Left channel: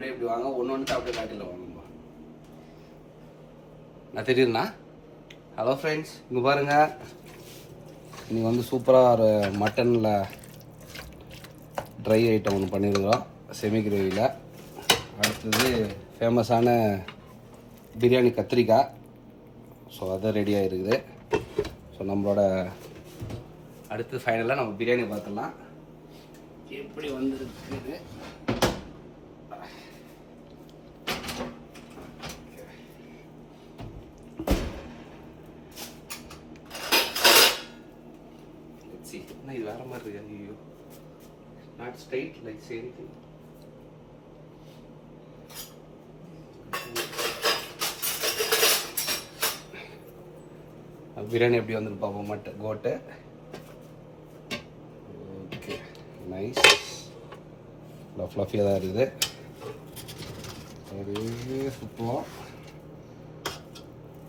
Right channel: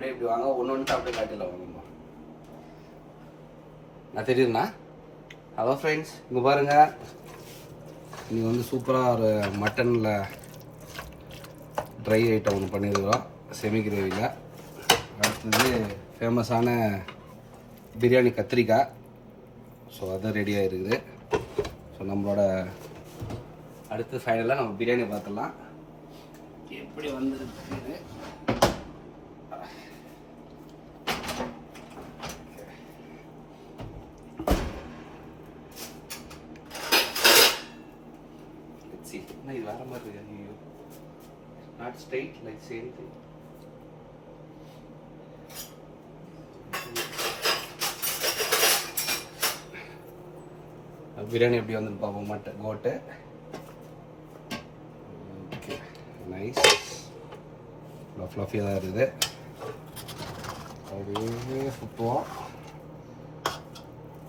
அப்படியே இப்படி வாங்க, ஒன்று அப்படியே காட்டில வாங்கம்மா. நான் தெரியுதுண்ணா. ஹலோ ஃப்ரெண்ட்ஸ், இங்கே பாருங்கள், இன்றைக்கி வந்து சூப்பராக ஒரு மட்டனில் ட்ரை ஐட்டம் ஒன்று பண்ணியிருக்கிறோம், செமி கிரேவியில். அடுத்தது ஃபேமஸான பிரியாணி கத்திரிக்காய். ஸோ அதுதான் ரெடியாக இருக்குது. ஸோ நம்மளோட அடுத்து ஃபைனலாக நம்ம பிரியாணி பார்த்துடலாம் எப்படி வந்துருக்குது. இது வேற மாதிரி இருக்கு. ஐயோ, not straight like same thing. Biryani எப்படி வந்து பார்ப்போம். மட்டன் கோட்டு. Okay, nice. ஃப்ளஃபியாக தான் இருக்குது. அப்படியே சுற்றுவோம்,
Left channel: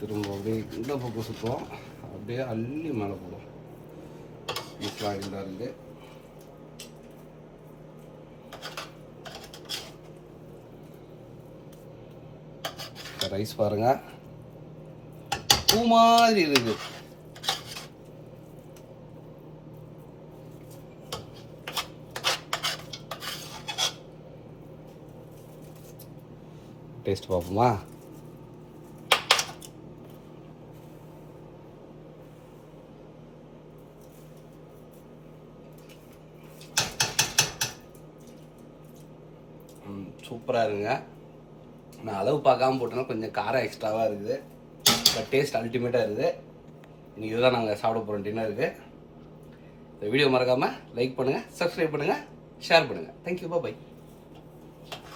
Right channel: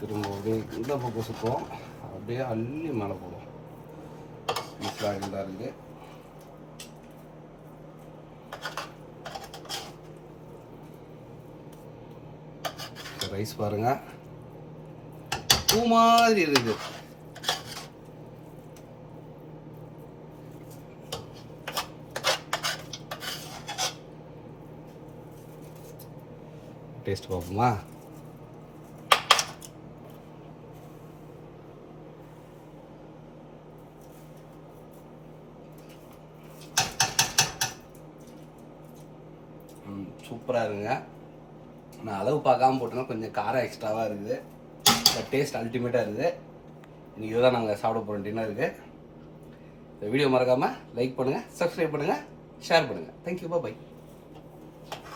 திரும்ப அப்படியே இந்த பக்கம் சுற்றுவோம், அப்படியே அள்ளி மேலே போடுவோம். பீஸ்லாம் தான் இருக்குது. ரைஸ் பாருங்க, பூ மாதிரி இருக்குது. டேஸ்ட் பார்ப்போமா? சூப்பராக இருக்குங்க. நான் அளவு பார்க்காம போட்டோன்னா கொஞ்சம் காரம் எக்ஸ்ட்ராவாக இருக்குது, பட் டேஸ்ட் அல்டிமேட்டாக இருக்குது. இன்றைக்கி இதுதான் நாங்கள் சாப்பிட போகிறோம் டின்னருக்கு. இந்த வீடியோ மறக்காமல் லைக் பண்ணுங்கள், சப்ஸ்கிரைப் பண்ணுங்கள், ஷேர் பண்ணுங்கள். தேங்க்யூ, பாய்.